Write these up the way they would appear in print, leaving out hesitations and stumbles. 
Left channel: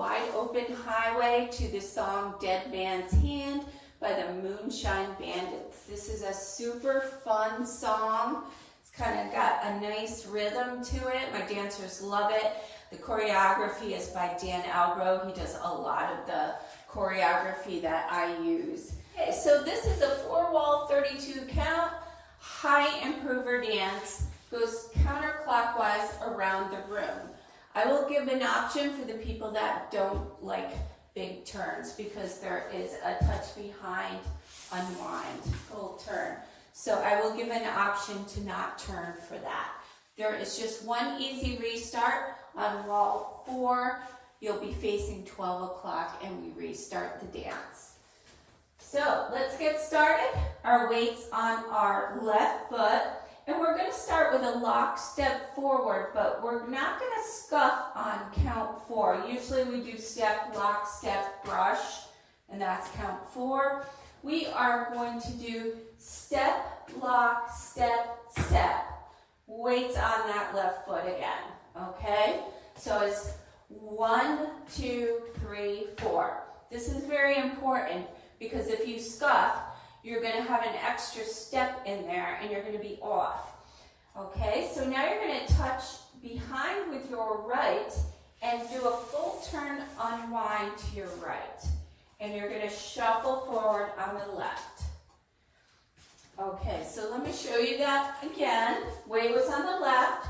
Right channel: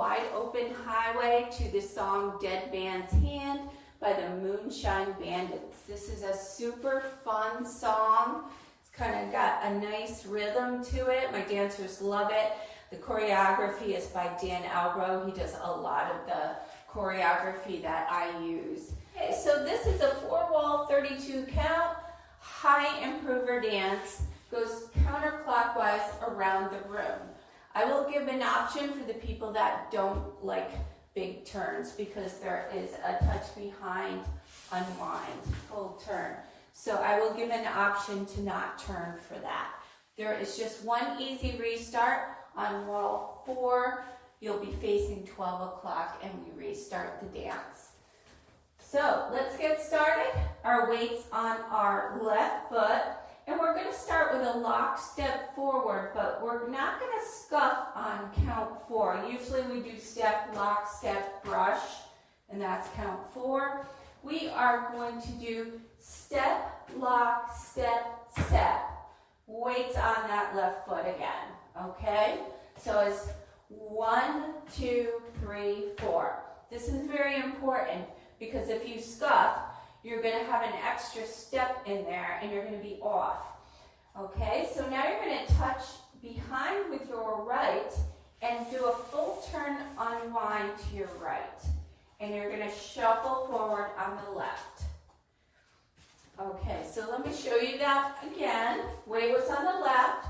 Wide Open Highway to the song Dead Man's Hand by the Moonshine Bandits. This is a super fun song. It's kind of got a nice rhythm to it. My dancers love it. The choreography is by Albro. He does a lot of the choreography that I use. Okay, so this is a 4-wall 32 count high improver dance. Goes counterclockwise around the room. I will give an option for the people that don't like big turns because there is a touch behind unwind, full turn. So I will give an option to not turn for that. There is just one easy restart on wall 4. You'll be facing 12 o'clock and we restart the dance. So let's get started. Our weight's on our left foot. And we're going to start with a lock step forward, but we're not going to scuff on count 4. Usually we do step, lock, step, brush, and that's count 4. We are going to do step, lock, step, step. Weights on that left foot again, okay? So it's 1, 2, 3, 4. This is very important because if you scuff, you're going to have an extra step in there and you're going to be off. Okay, so now you're going to touch behind with your right and do a full turn unwind to your right. And you're going to shuffle forward on the left. Okay, so let me show you that again. Weight was on the left.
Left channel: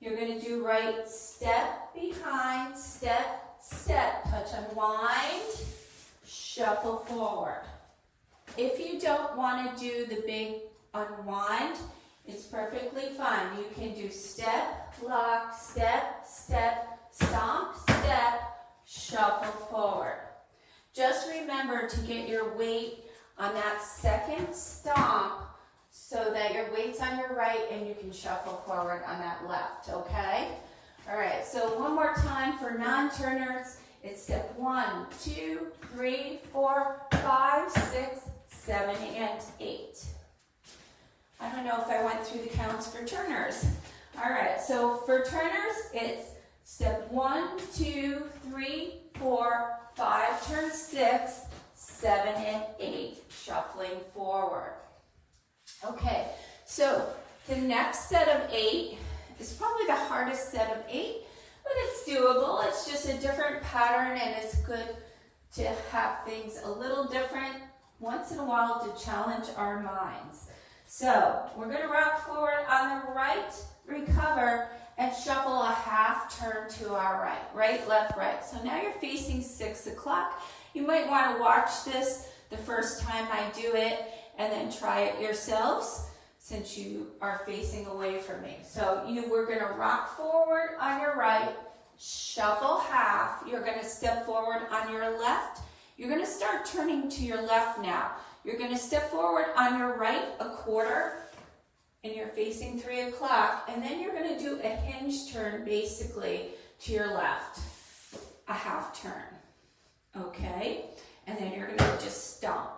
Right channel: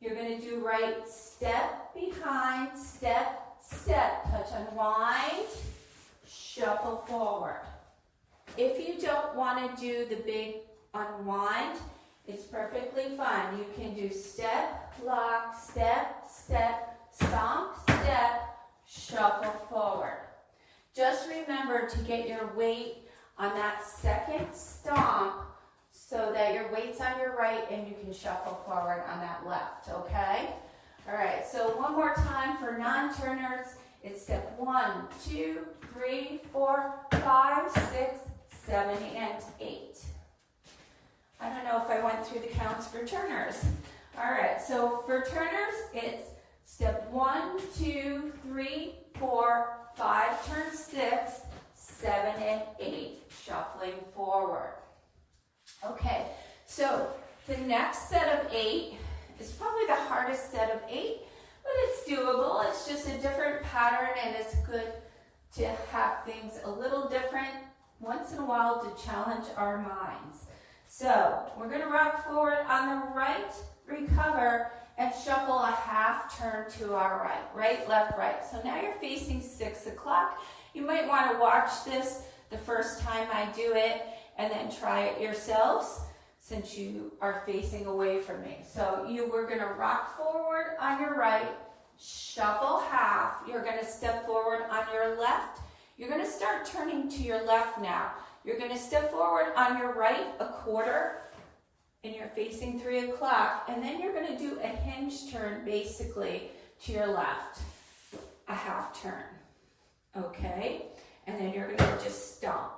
You're going to do right step behind, step, step, touch unwind, shuffle forward. If you don't want to do the big unwind, it's perfectly fine. You can do step, lock, step, step, stomp, step, shuffle forward. Just remember to get your weight on that second stomp so that your weight's on your right and you can shuffle forward on that left, okay? All right, so one more time for non-turners. It's step 1, 2, 3, 4, 5, 6, 7, and 8. I don't know if I went through the counts for turners. All right, so for turners, it's step 1, 2, 3, 4, 5, turn 6, 7, and 8, shuffling forward. Okay, so the next set of 8 is probably the hardest set of 8, but it's doable. It's just a different pattern, and it's good to have things a little different once in a while to challenge our minds. So we're going to rock forward on the right, recover, and shuffle a half turn to our right. Right, left, right. So now you're facing 6 o'clock. You might want to watch this the first time I do it and then try it yourselves since you are facing away from me. So we're going to rock forward on your right, shuffle half. You're going to step forward on your left. You're going to start turning to your left now. You're going to step forward on your right a quarter, and you're facing 3 o'clock, and then you're going to do a hinge turn basically to your left, a half turn, okay? And then you're going to just stomp.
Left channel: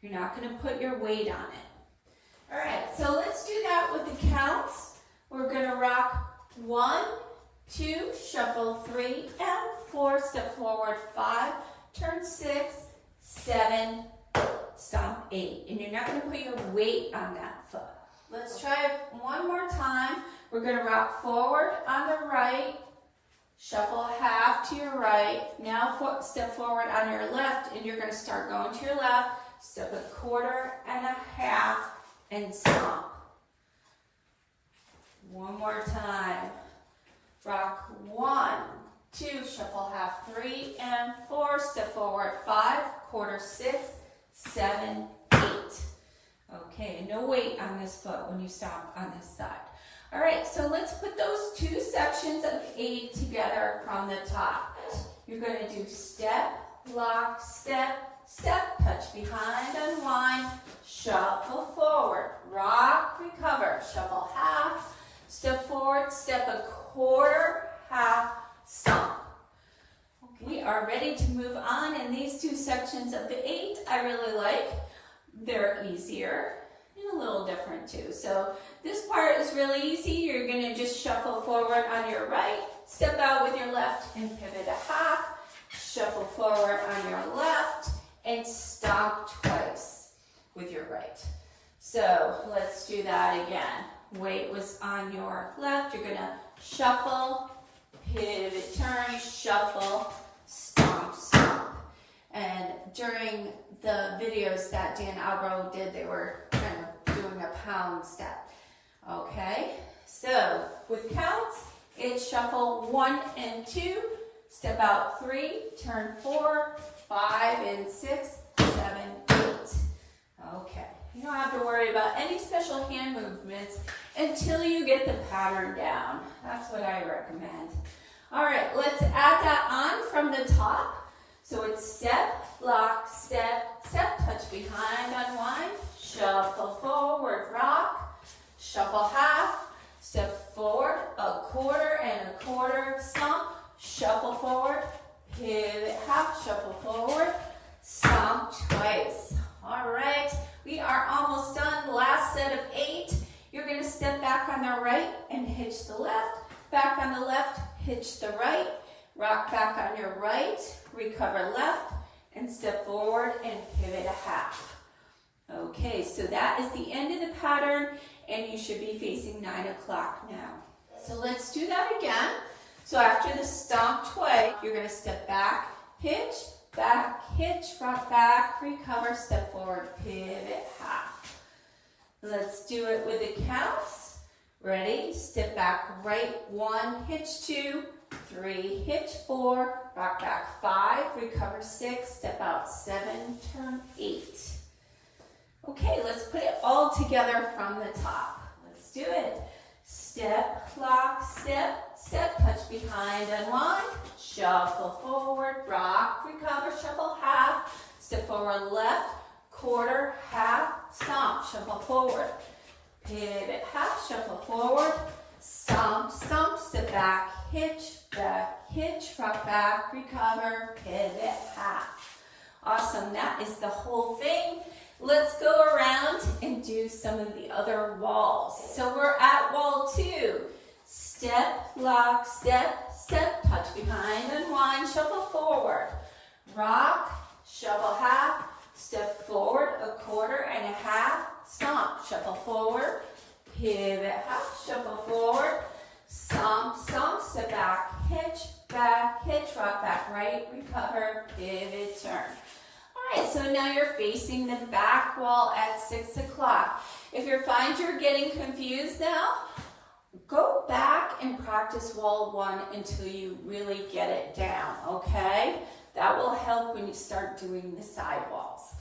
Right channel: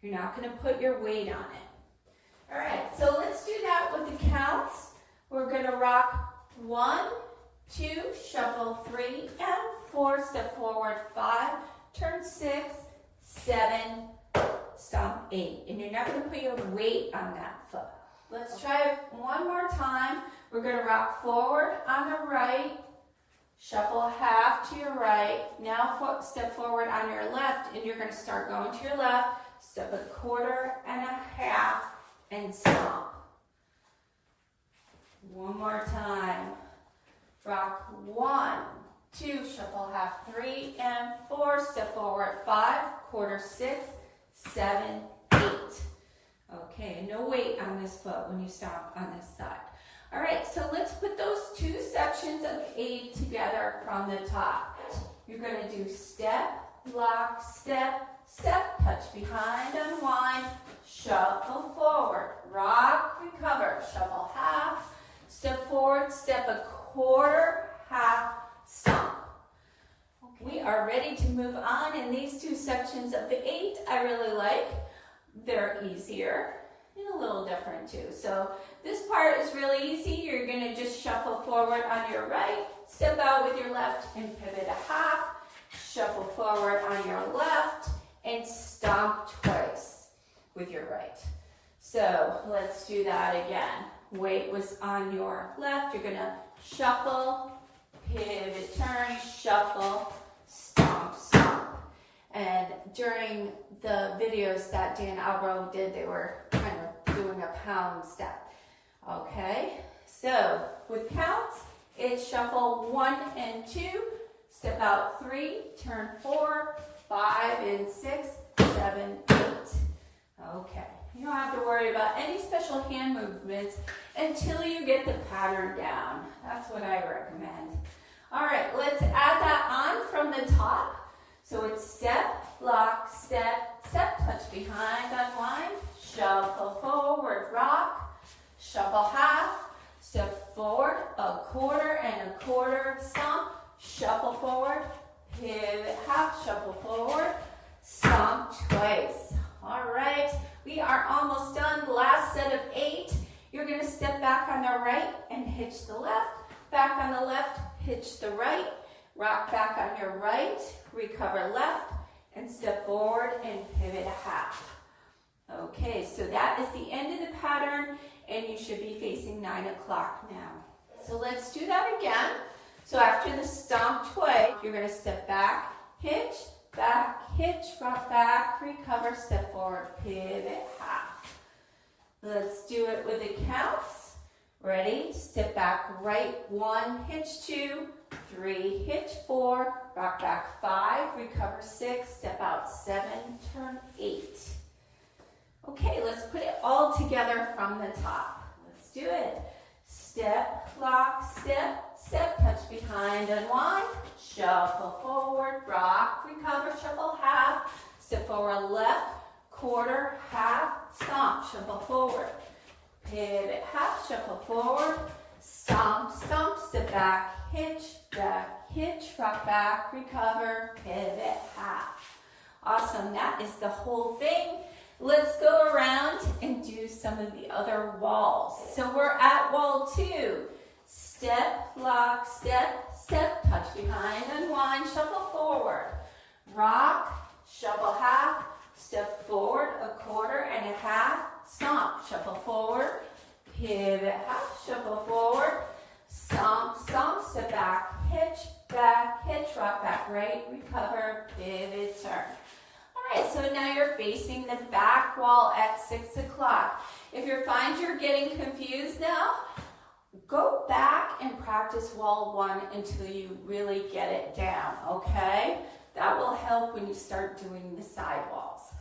You're not going to put your weight on it. All right, so let's do that with the counts. We're going to rock 1, 2, shuffle 3 and 4, step forward 5, turn 6, 7, stomp 8. And you're not going to put your weight on that foot. Let's try it one more time. We're going to rock forward on the right, shuffle half to your right. Now step forward on your left, and you're going to start going to your left, step a quarter and a half, and stomp. One more time. Rock 1, 2, shuffle half 3 and 4, step forward 5, quarter 6, 7, 8. Okay, no weight on this foot when you stomp on this side. All right, so let's put those 2 sections of 8 together from the top. You're going to do step, lock, step, step, touch behind, unwind, shuffle forward, rock, recover, shuffle half, step forward, step a quarter, half, stomp. Okay. We are ready to move on, and these 2 sections of the 8 I really like. They're easier and a little different too. So this part is really easy. You're going to just shuffle forward on your right, step out with your left, and pivot a half, shuffle forward on your left, and stomp twice with your right. So let's do that again. Weight was on your left. You're gonna shuffle, pivot, turn, shuffle, stomp, stomp. And during the videos that Dan Albro did, they were kind of doing a pound step. Okay, so with counts, it's shuffle 1 and 2, step out 3, turn 4, 5 and 6, 7, 8. Okay, you don't have to worry about any special hand movements until you get the pattern down. That's what I recommend. All right, let's add that on from the top. So it's step, lock, step, step, touch behind, unwind, shuffle forward, rock, shuffle half, step forward, a quarter and a quarter, stomp, shuffle forward, pivot half, shuffle forward, stomp twice. All right, we are almost done. Last set of 8. You're gonna step back on the right and hitch the left, back on the left, hitch the right, rock back on your right, recover left, and step forward and pivot a half. Okay, so that is the end of the pattern, and you should be facing 9 o'clock now. So let's do that again. So after the stomp twice, you're going to step back, hitch, rock back, recover, step forward, pivot, half. Let's do it with the counts. Ready? Step back, right 1, hitch 2, 3, hitch 4, rock back 5, recover 6, step out 7, turn 8. Okay, let's put it all together from the top. Let's do it. Step, lock, step, step, touch behind, unwind, shuffle forward, rock, recover, shuffle half, step forward left, quarter, half, stomp, shuffle forward, pivot, half, shuffle forward, stomp, stomp, step back, hitch, rock back, recover, pivot, half. Awesome, that is the whole thing. Let's go around and do some of the other walls. So we're at wall 2. Step, lock, step, step, touch behind, unwind, shuffle forward. Rock, shuffle half, step forward, a quarter and a half, stomp, shuffle forward, pivot half, shuffle forward, stomp, stomp, step back, hitch, rock back, right, recover, pivot, turn. All right, so now you're facing the back wall at 6 o'clock. If you find you're getting confused now, go back and practice wall 1 until you really get it down, okay? That will help when you start doing the side walls.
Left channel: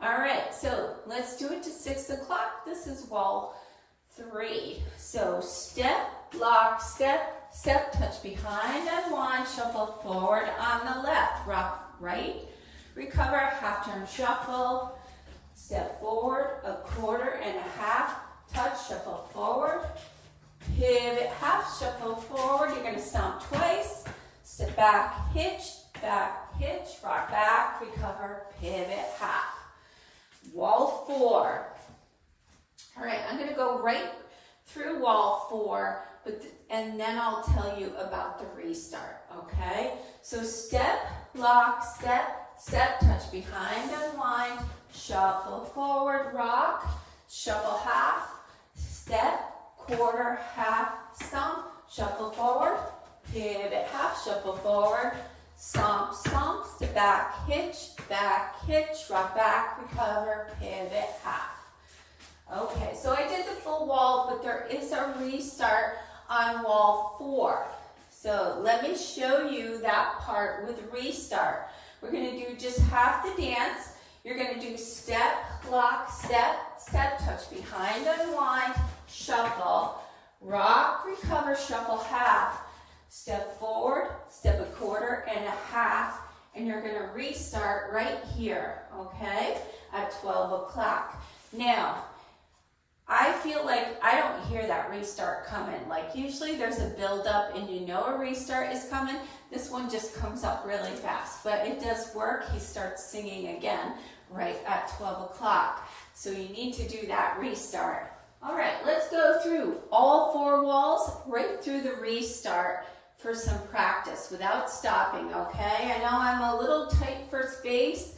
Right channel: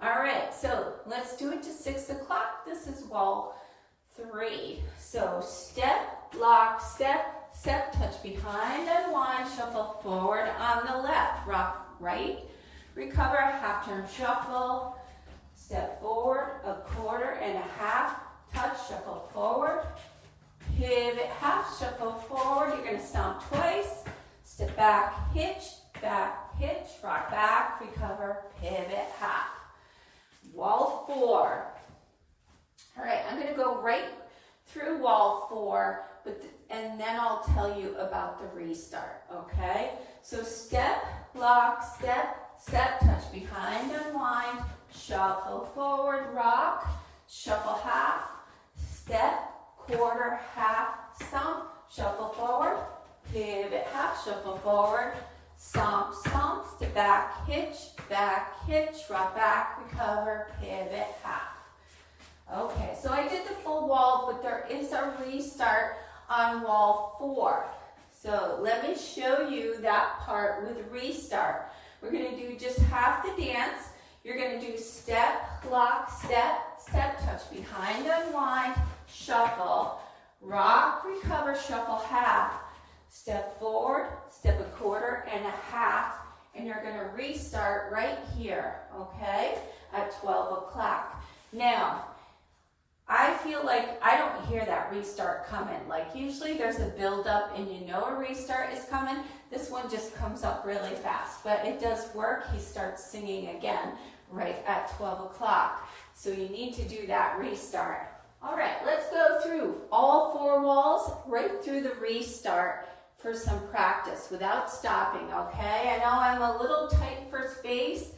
All right, so let's do it to 6 o'clock. This is wall 3. So step, lock, step, step, touch behind, unwind, shuffle forward on the left, rock right, recover, half turn shuffle, step forward, a quarter and a half, touch, shuffle forward, pivot, half, shuffle forward. You're going to stomp twice, step back, hitch, rock back, recover, pivot, half. Wall 4. All right, I'm going to go right through wall 4, and then I'll tell you about the restart, okay? So step, lock, step, step, touch behind, unwind, shuffle forward, rock, shuffle half, step, quarter, half, stomp, shuffle forward, pivot half, shuffle forward, stomp, stomp, step back, hitch, rock back, recover, pivot half. Okay, so I did the full wall, but there is a restart on wall 4. So let me show you that part with restart. We're going to do just half the dance. You're going to do step, lock, step, step, touch behind, unwind, shuffle, rock, recover, shuffle half, step forward, step a quarter and a half, and you're going to restart right here, okay, at 12 o'clock. Now, I feel like I don't hear that restart coming. Like usually there's a build up and you know a restart is coming. This one just comes up really fast, but it does work. He starts singing again right at 12 o'clock. So you need to do that restart. All right, let's go through all 4 walls right through the restart for some practice without stopping, okay? I know I'm a little tight for space,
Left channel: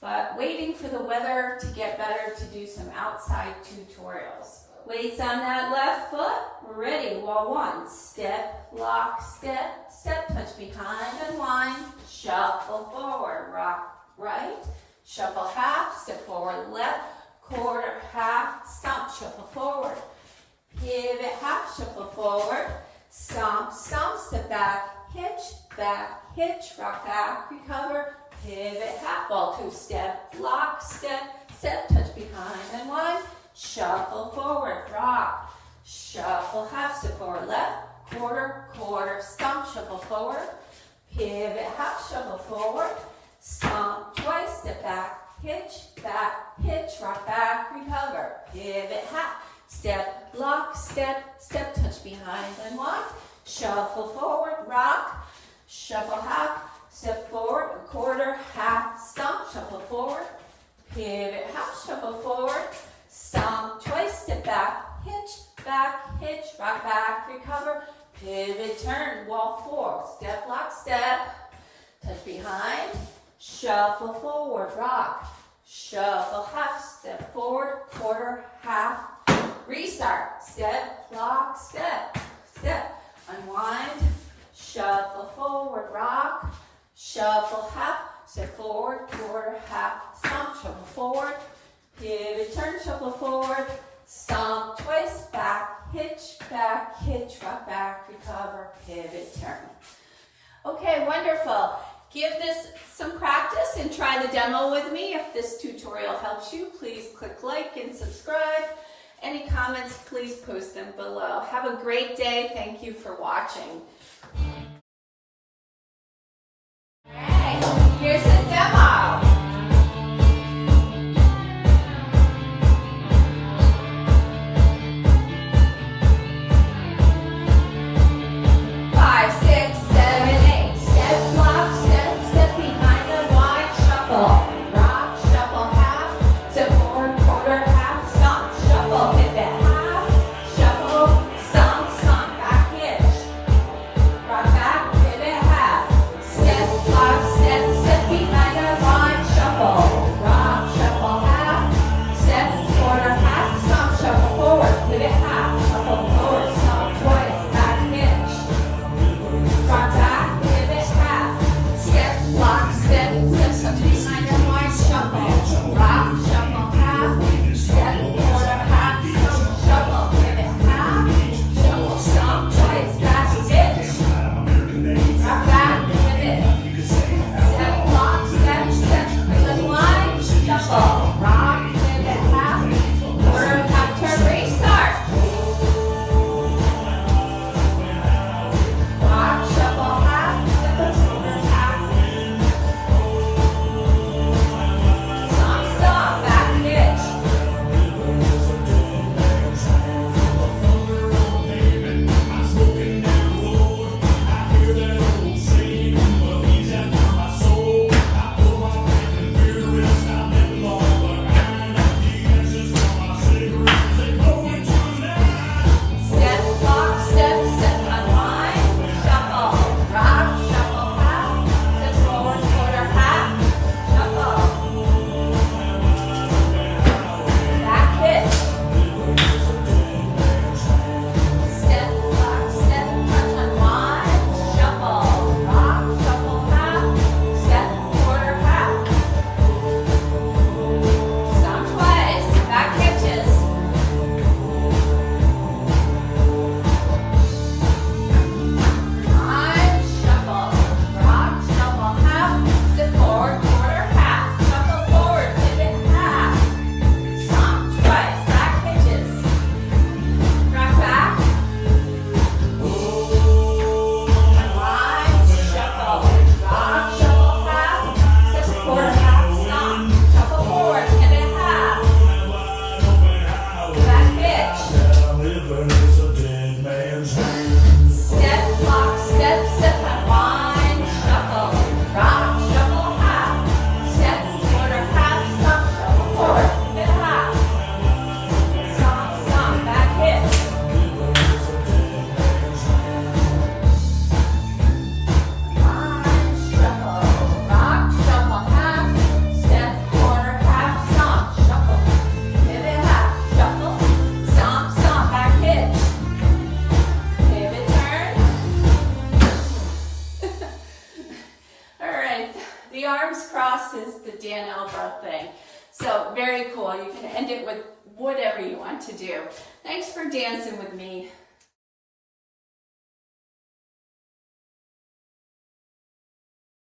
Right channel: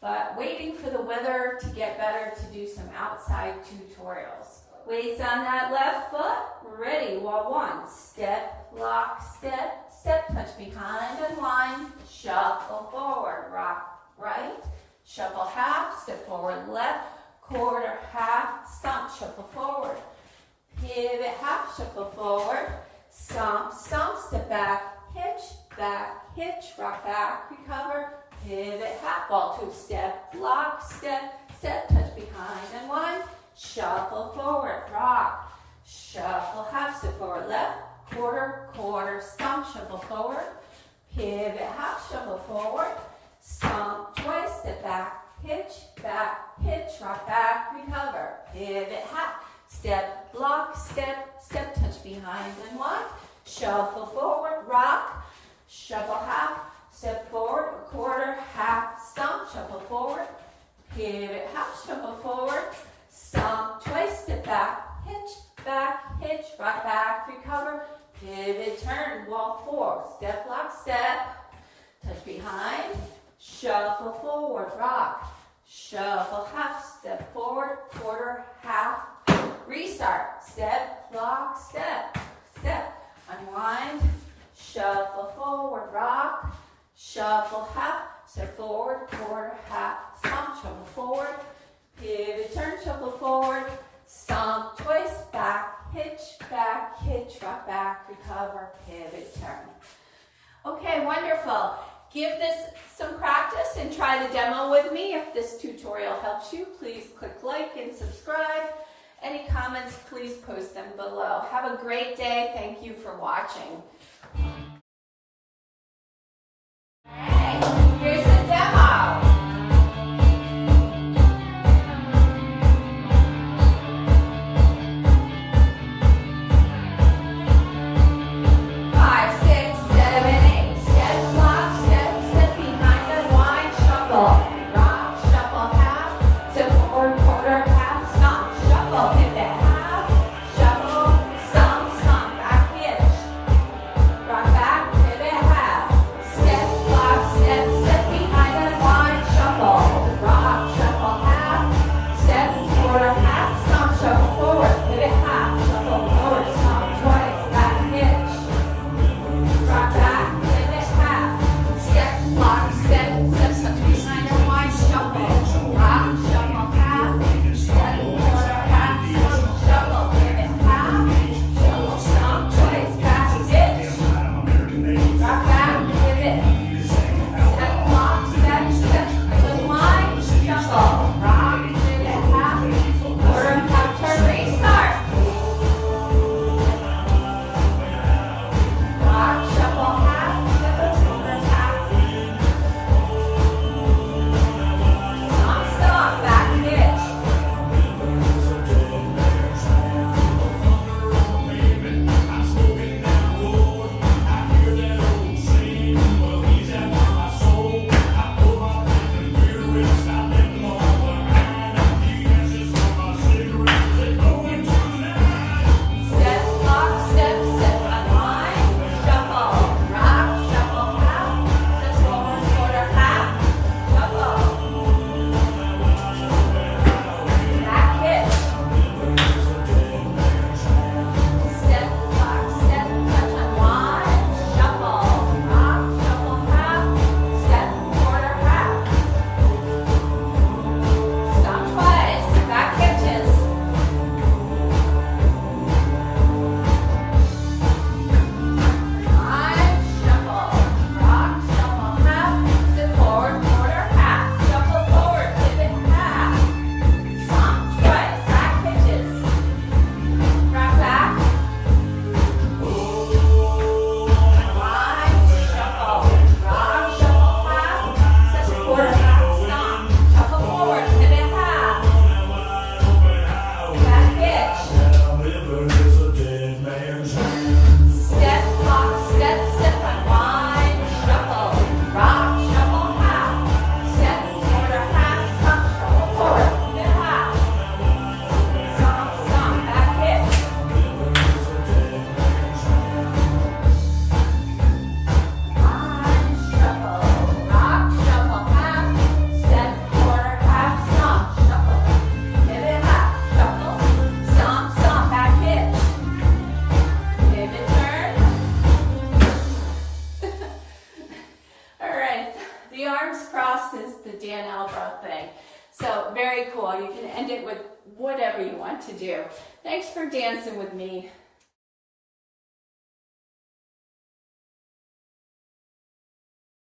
but waiting for the weather to get better to do some outside tutorials. Weights on that left foot, ready, wall one, step, lock, step, step, touch behind, unwind, shuffle forward, rock right, shuffle half, step forward left, quarter, half, stomp, shuffle forward, pivot, half, shuffle forward, stomp, stomp, step back, hitch, rock back, recover, pivot, half, ball two, step, lock, step, step, touch behind, unwind, shuffle forward, rock, shuffle half, step forward, left, quarter, stomp, shuffle forward, pivot, half, shuffle forward, stomp twice, step back, hitch, rock back, recover, pivot, half, step, lock, step, step, touch behind, unwind, shuffle forward, rock, shuffle half, step forward, quarter, half, stomp, shuffle forward, pivot, half, shuffle forward, stomp twice, step back, hitch, rock back, recover, pivot, turn, wall four, step, lock, step, touch behind, shuffle forward, rock, shuffle half, step forward, quarter, half, restart, step, lock, step, unwind, shuffle forward, rock, shuffle half, step forward, quarter, half, stomp, shuffle forward, pivot, turn, shuffle forward, stomp twice, back, hitch, rock back, recover, pivot, turn. Okay, wonderful. Give this some practice and try the demo with me. If this tutorial helps you, please click like and subscribe. Any comments, please post them below. Have a great day. Thank you for watching. Hey, here's the demo. end it with whatever you want to do. Thanks for dancing with me.